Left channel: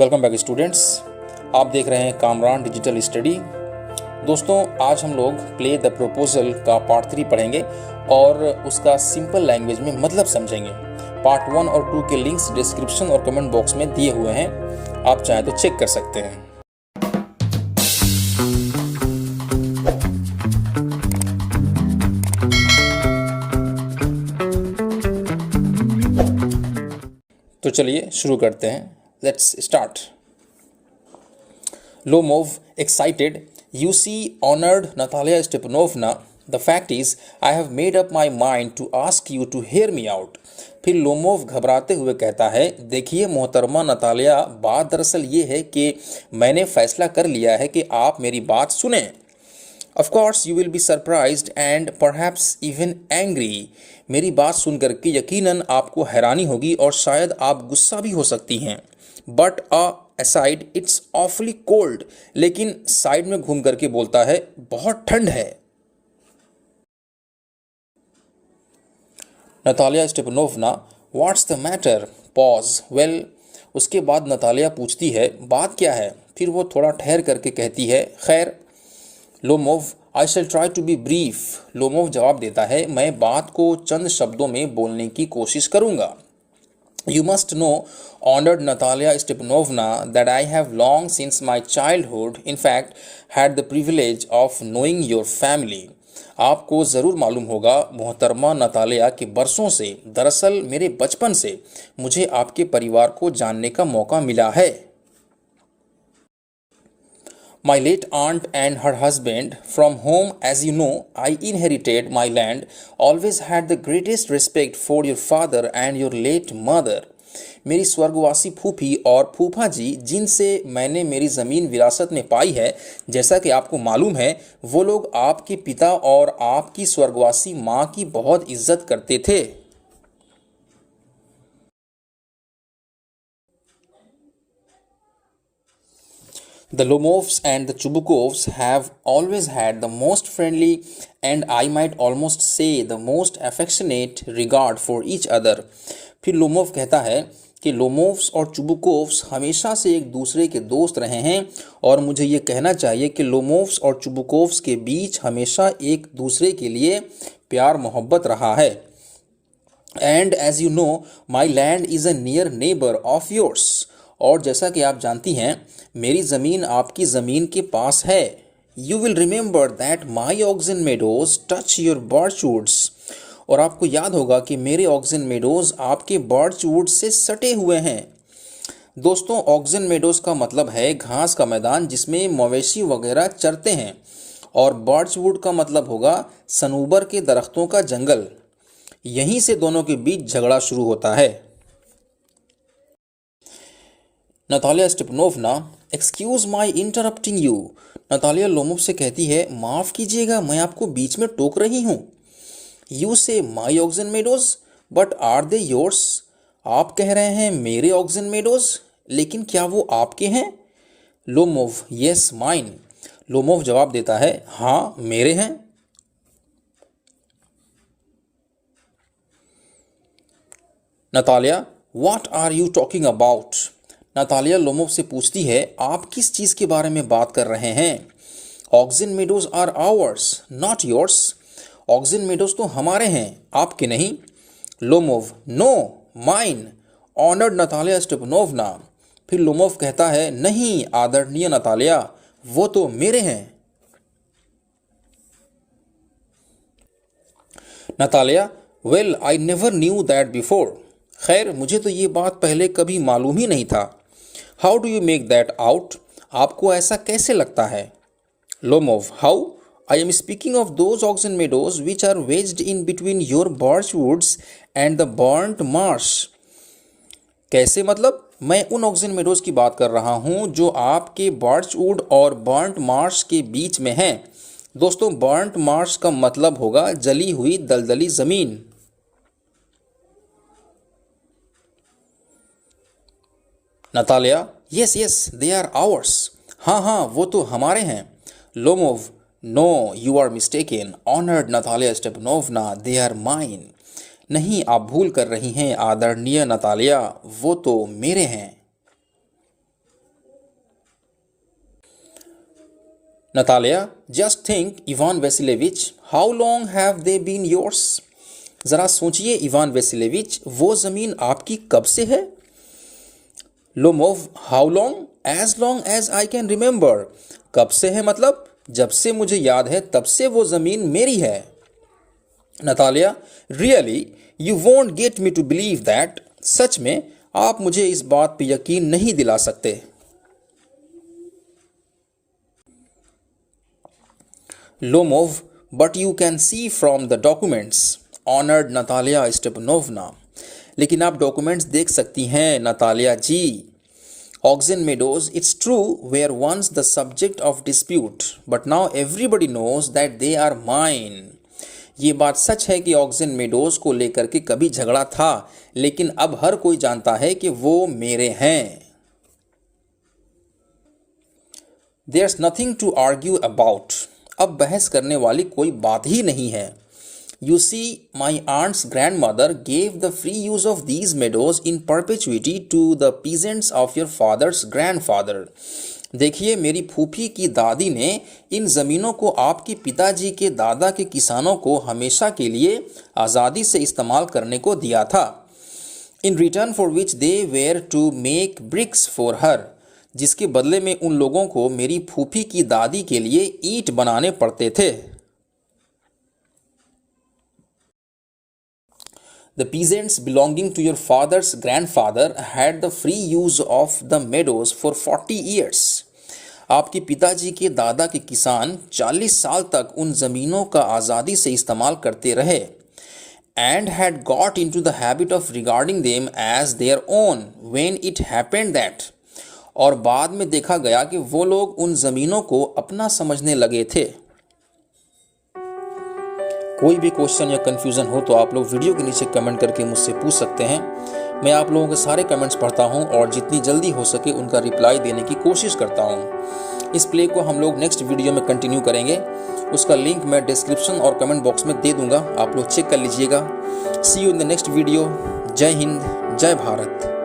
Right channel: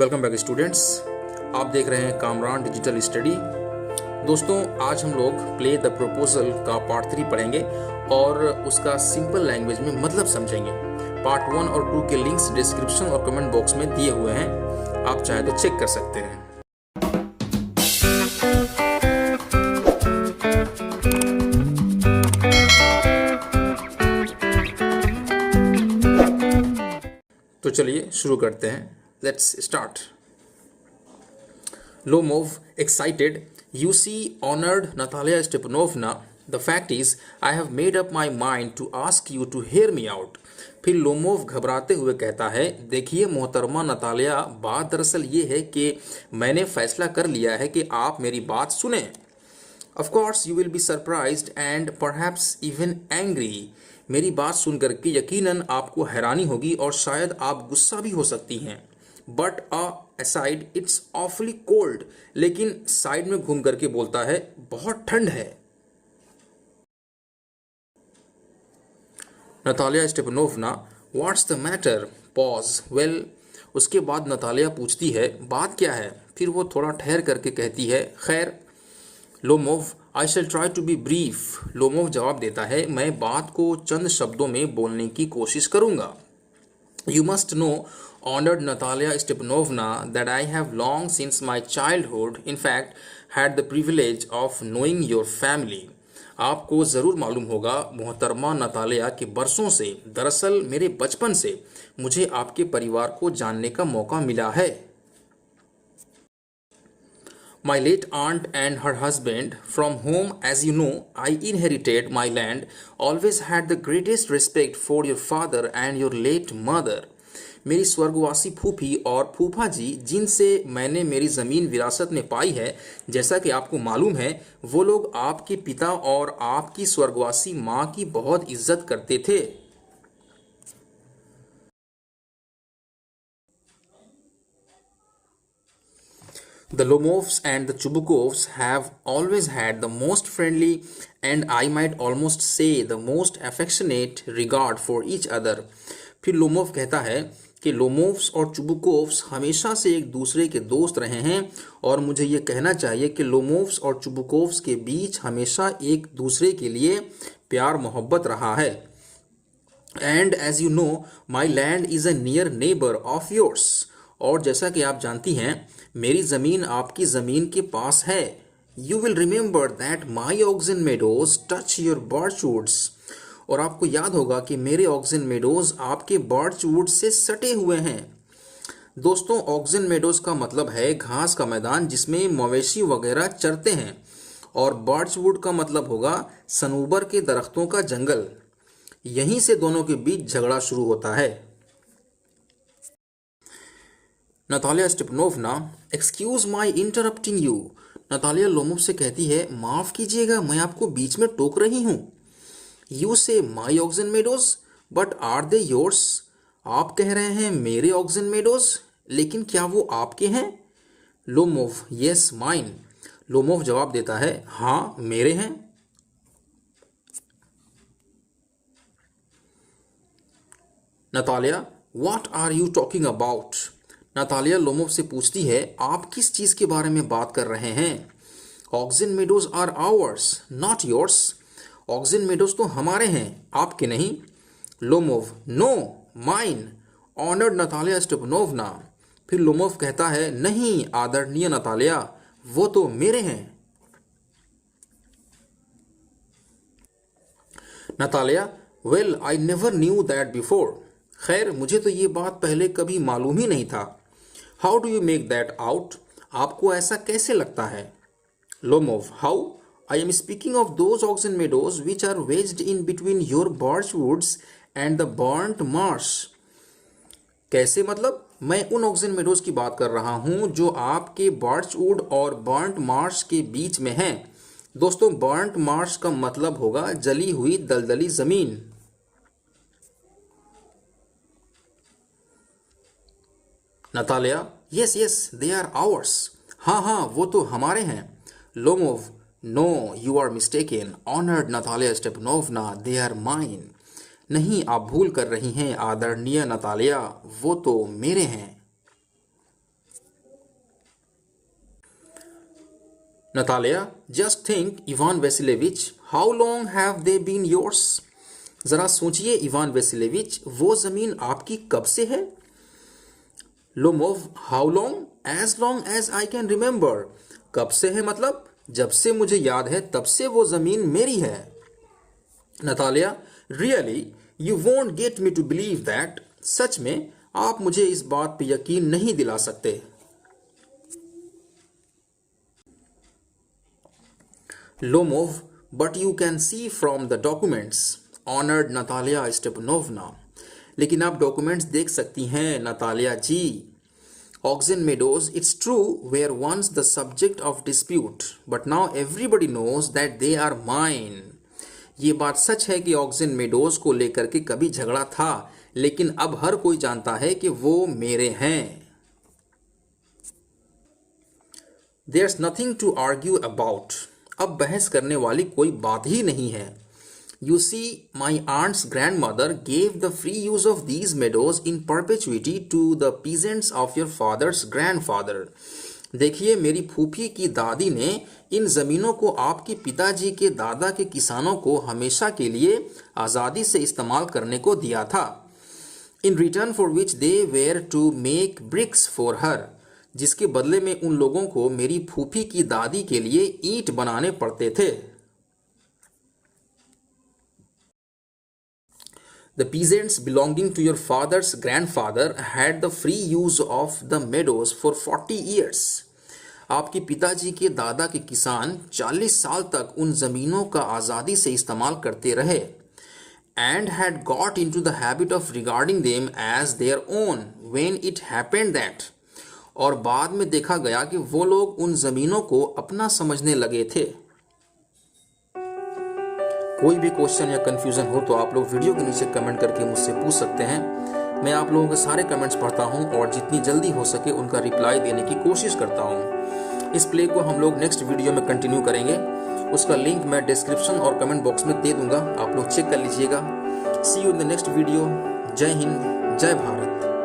Welcome back students. आप देख रहे हैं कामरान डिजिटल स्टडी। दोस्तों, आज हम लोग प्ले द प्रपोजल का पार्ट 3 पढ़ेंगे और उसका सिंपल लैंग्वेज में मतलब समझेंगे। पार्ट 1 और 2 के लिंक्स डिस्क्रिप्शन और कमेंट बॉक्स में दिए हुए हैं, आप चाहें तो चेक कर सकते हैं। तो चलिए शुरू करते हैं। Let's start. Lomov, excited. You see, honored Natalia Stepanovna, the fact is, I have made up my mind to ask you to hear me out. फिर लोमोव घबराते हुए कहता है, देखिए मोहतरमा नतालिया, बात दरअसल ये है कि मैंने फैसला कर लिया है कि आप मेरी बात सुने। Of course, you will be surprised and perhaps even angry. मेरी बात सुनकर के यकीनन आपको हैरानी होगी और शायद आप गुस्सा भी हो सकती हैं। But aside, it's awfully cold. लेकिन साइड में घूम करके बोलता है, बहुत ठंड है। Natalia Stepanovna, what's the matter? Pause. Well, उसके बाद नतालिया पूछती है, बात क्या है? फिर वो थोड़ा ठहर करके कहती है, खैर। Lomov, I shall try to be brief. Lomov जवाब देता है, मैं बात को चंद शब्दों में बोलने की कोशिश करूंगा। You must know, honored Natalia Stepanovna, that I have long since my childhood, in fact, had the privilege of knowing your family. आपको ज़रूर मालूम होगा मोहतरमा नतालिया के बरसों से, दरअसल मेरे बचपन से मुझे आपके परिवार को जानने का मौका मिला है। My late aunt and her husband, from whom, as you know, I inherited my land, always had the greatest respect for your father and your late mother. मेरी स्वर्गवासी फूफी और फूफा जी, जिनसे मैंने मेरी ज़मीन विरासत में पाई है, जैसा कि आपको मालूम है, वो लोग आपके पिता और आपकी स्वर्गवासी माँ की बहुत इज्जत करते थे। The Lomovs and the Chubukovs have always had the most friendly and I might almost say the most affectionate regard for each other. फिर लोमोव कहता है कि लोमोव्स और चुबुकोव्स हमेशा से एक दूसरे के दोस्त रहे हैं और मुझे ये कहना चाहिए कि लोमोव्स और चुबुकोव्स के बीच हमेशा एक दूसरे के लिए प्यार मोहब्बत रहा है। And as you know, my land is a near neighbor of yours. और जैसा कि आप जानती हैं, मेरी ज़मीन आपकी ज़मीन के पास है। You will remember that my oxen meadows touch your birchwoods. और आपको याद होगा कि मेरे ऑक्सन मेडोज आपके बर्चवुड से सटे हुए हैं। दोस्तों, ऑक्सन मेडोज का मतलब है घास का मैदान जिसमें मवेशी वगैरह चरते हैं, और बर्चवुड का मतलब होगा सनूबर के दरख्तों का जंगल। यहीं से दोनों के बीच झगड़ा शुरू होता है। Natalia Stepanovna, excuse my interrupting you. Natalia Lomov से कहती है, माफ़ कीजिएगा, मैं आपको बीच में टोक रही हूँ। You say my oxen meadows, but are they yours? आप कह रहे हैं मेरे ऑक्सन मेडोज, लेकिन क्या वो आपके हैं? Lomov, yes mine. लोमोव जवाब देता है, हाँ मेरे हैं। Natalya, what are you talking about? Natalya Lomov से पूछती है, आप किस चीज़ के बारे में बात कर रहे हैं? Oxen meadows are ours, not yours. Oxen meadows तो हमारे हैं, आपके नहीं। Lomov, no mine, honoured Natalia Stepanovna. फिर लोमोव कहता है, नहीं आदरणीय नतालिया, वो तो मेरे हैं। Natalia, well I never knew that before. खैर, मुझे तो ये बात पहले कभी मालूम ही नहीं था। How do you make that out? आपको ऐसा कैसे लगता है? Lomov, how? I am speaking of those oxen meadows which are wedged in between your birch woods and the burnt marsh. कैसे मतलब? मैं उन ऑक्सन मेडोज की बात कर रहा हूँ जो आपके बर्च वुड और बर्न्ट मार्श के बीच में हैं। दोस्तों, बर्न्ट मार्श का मतलब होगा जली हुई दलदली ज़मीन। Natalia, yes yes they are ours. हाँ हाँ, वो तो हमारे हैं। Lomov, no you are mistaken, honoured Natalia Stepanovna, they are mine. नहीं, आप भूल कर रही हैं आदरणीय नतालिया, वो तो मेरे हैं। Natalia, just think, Ivan Vasilievich, how long have they been yours? जरा सोचिए इवान वेसिलेविच, वो जमीन आपकी कब से है? Lomov, how long? As long as I can remember. कब से है मतलब जब से मुझे याद है तब से वो जमीन मेरी है. Natalia, really you won't get me to believe that. सच में आप मुझे इस बात पे यकीन नहीं दिला सकते. Lomov, but you can see from the documents. Honoured Natalia Stepanovna, लेकिन आप डॉक्यूमेंट्स देख सकती हैं Natalia ji. Oxen meadows, it's true, were once the subject of dispute, but now everybody knows that they are mine. ये बात सच है कि oxen meadows को लेकर के कभी झगड़ा था, लेकिन अब हर कोई जानता है कि वो मेरे हैं. There's nothing to argue about. अब बहस करने वाली कोई बात ही नहीं है. You see, my aunt's grandmother gave the free use of these meadows in perpetuity to the peasants of your father's grandfather. देखिए, मेरी फूफी की दादी ने इन ज़मीनों को आपके पिताजी के दादा के किसानों को हमेशा के लिए आज़ादी से इस्तेमाल करने को दिया था. In return for which they were to make bricks for her. जिसके बदले में उन लोगों को मेरी फूफी की दादी के लिए ईंट बनाने पड़ते थे. The peasants belonging to your father's grandfather had the free use of the meadows for 40 years. आपके पिताजी के दादा के किसान 40 साल तक उन ज़मीनों का आज़ादी से इस्तेमाल करते रहे. And had got into the habit of regarding them as their own when it happened that. और बाद में देखा गया कि वो लोग उन ज़मीनों को अपना समझने लगे थे. कोई भी क्वेश्चन या कन्फ्यूज़न हो तो आप लोग वीडियो के नीचे कमेंट करके मुझसे पूछ सकते हैं. मैं आप लोगों के सारे कमेंट्स पढ़ता हूं और जितनी जल्दी हो सके उनका रिप्लाई देने की कोशिश करता हूं. इस प्ले को हम लोग नेक्स्ट वीडियो में कंटिन्यू करेंगे. उसका लिंक मैं डिस्क्रिप्शन और कमेंट बॉक्स में दे दूंगा, आप लोग चेक कर लीजिएगा. See you in the next video. जय हिंद, जय भारत.